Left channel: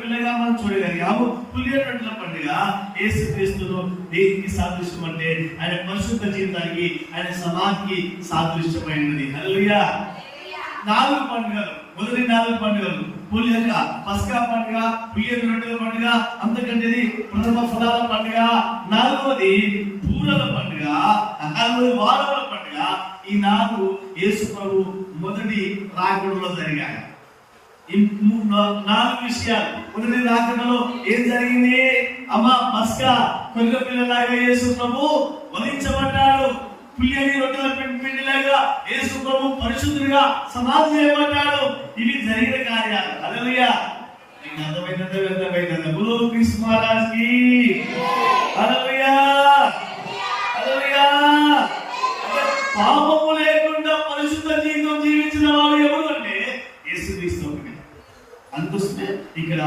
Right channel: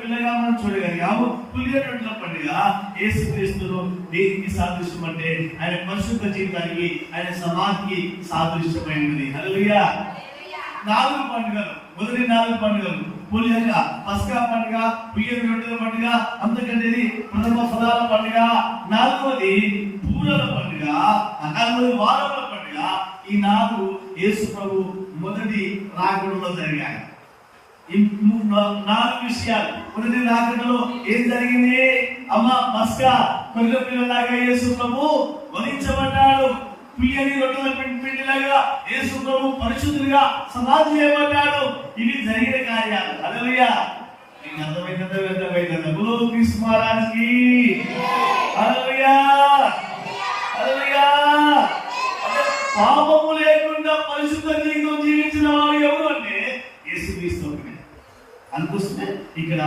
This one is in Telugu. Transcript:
పిల్లగా మనం చూడగలిగాము. పులియ రొట్టెల పండుగ యేసుక్రీస్తును దేనికి సాదృశ్యం అంటే ఆయన పరిశుద్ధ జీవితానికి, ఆయన సమాధికి సాదృశ్యమైనది. హల్లెలూయా. 4 పండుగలు, మొదటి 4 పండుగలు పులియ పస్కా పండుగ, పులియ రొట్టెల పండుగ, అంతకంటే ప్రథమ ఫలాల పండుగ, 4వది పూరల పండుగ, 4వది వారముల పండుగ. ఈ 4 యేసు ప్రభు మొదటి రాకడలో జరిగాయి. ఈ 4 విషయాలు. మొదటి రాకడలో ఏం జరిగింది? అమ్మ పస్కా కొద్ది పిల్లలాగా యేసు ప్రభు వధించబడ్డాడు. పులియని రొట్టెల పిండిలాగా యేసు ప్రభు పరిశుద్ధుడిగా సమాధి చేయబడ్డాడు. ఇవి జరిగిన కార్యాలు. హల్లెలూయా. మీకు అర్థమైందంటే బోలో క్రీస్తు మహారాజ్కి హల్లెలూయా. హల్లెలూయా. పాపము లేకుండా పరిశుద్ధ జీవితం జీవించిన వారు ఎవరు అంటే యేసుక్రీస్తు. అందుకోసమే ఇక్కడ